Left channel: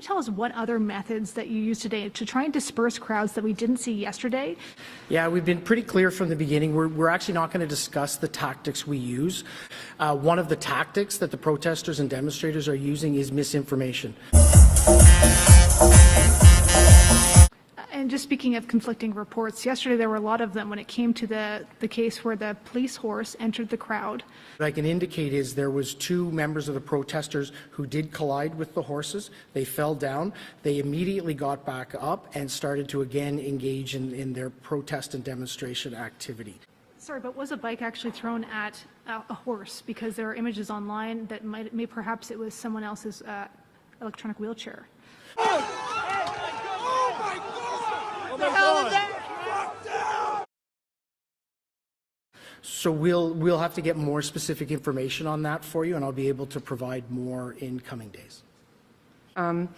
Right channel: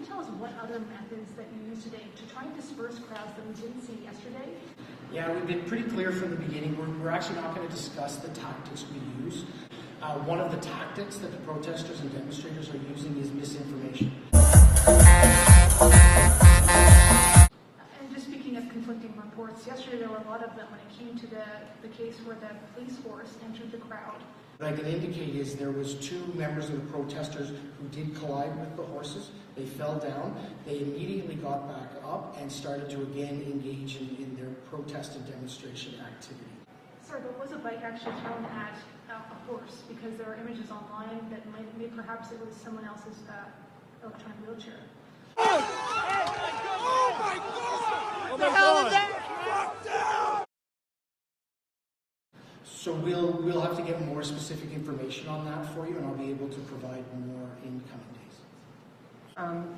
you tell us what other methods that you use today to try and disperse crowds that we didn't see yesterday? Yeah, we've been pretty clear from the beginning. We're actually not going to discuss the tactics we use. One of the tactics that the protesters and demonstrators are using is misinformation. And just speaking of conflicting reports, yesterday there were a lot of them when it came to the case where the police horse entered the crowd. What I can indicate is there was 2 members of the protesters who did collide with the horses. They fell down. They immediately got back up and started to again engage in their protest and demonstration activity. Sorry, but was a bike actually thrown at a horse? Because there are images online that perhaps it was someone else's electronic wheelchair. Oh my God! What the hell is that? So we'll have to get more specific information on that for you, and I'll be able to provide more in coming days. I'm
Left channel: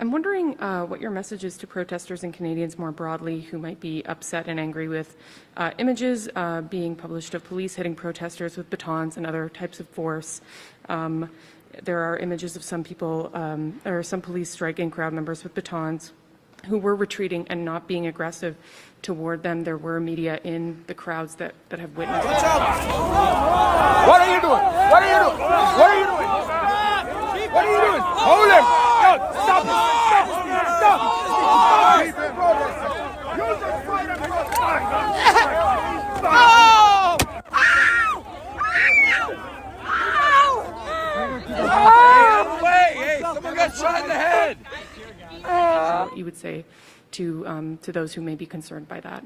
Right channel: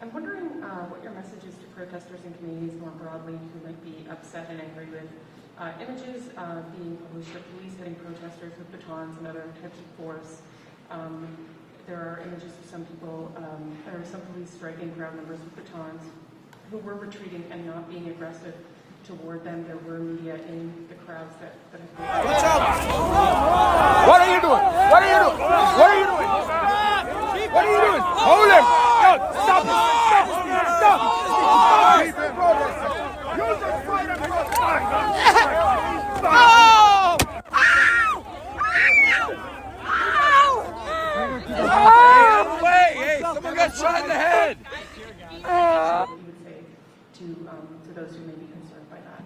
wondering what your message is to protesters and Canadians more broadly who might be upset and angry with images being published of police hitting protesters with batons and other types of force. There are images of some people, or some police striking crowd members with batons who were retreating and not being aggressive toward them. There were media in the crowds that have witnessed. Watch out! What are you doing? What are you doing? What are you doing? What are you doing? Hold him! No, stop it! Stop it! Stop! Use the fight and Hey, someone got shot in the head! What you would say to those who may be concerned by that?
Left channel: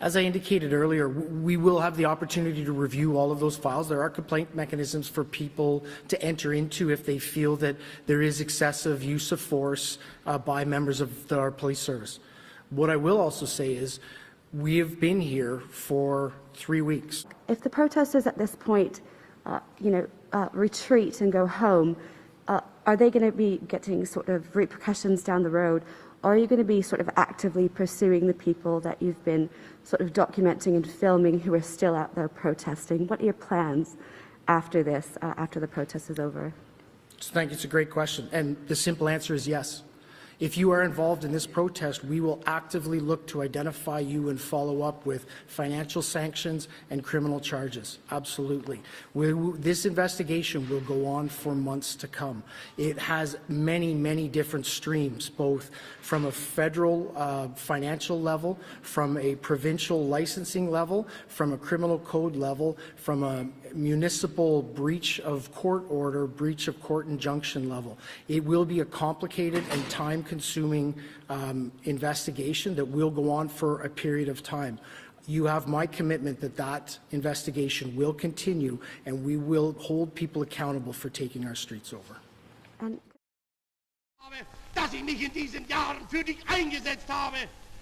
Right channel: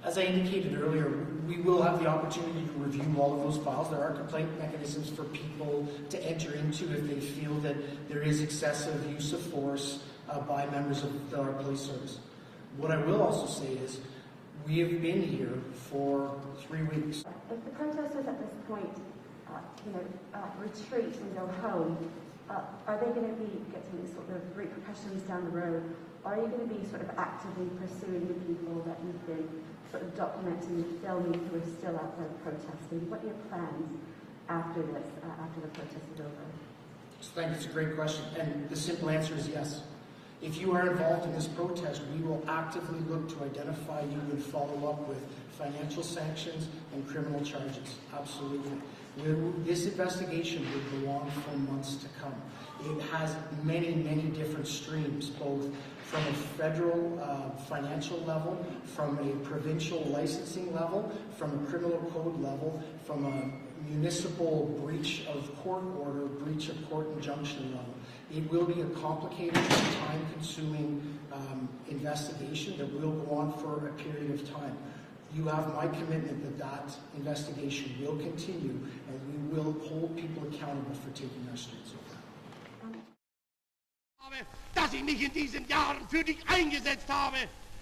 As I indicated earlier, we will have the opportunity to review all of those files. There are complaint mechanisms for people to enter into if they feel that there is excessive use of force by members of our police service. What I will also say is we have been here for 3 weeks. If the protesters at this point, retreat and go home, are they going to be getting sort of repercussions down the road? Or are you going to be sort of actively pursuing the people that you've been sort of documenting and filming who are still out there protesting? What are your plans after this, after the protest is over? Thank you. It's a great question. And the simple answer is yes. If you are involved in this protest, we will actively look to identify you and follow up with financial sanctions and criminal charges. Absolutely. This investigation will go on for months to come. It has many, many different streams, both from a federal financial level, from a provincial licensing level, from a criminal code level, from a municipal breach of court order, breach of court injunction level. It will be a complicated and time-consuming investigation that will go on for a period of time. You have my commitment that that investigation will continue, and we will hold people accountable for taking our streets over. Dass ich mich in diesen Jahren für dich eingesetzt habe,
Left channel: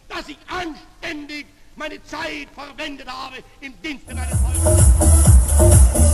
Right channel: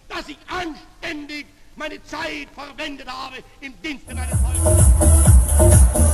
dass ich anständig meine Zeit verwendet habe im Dienste meines Volkes.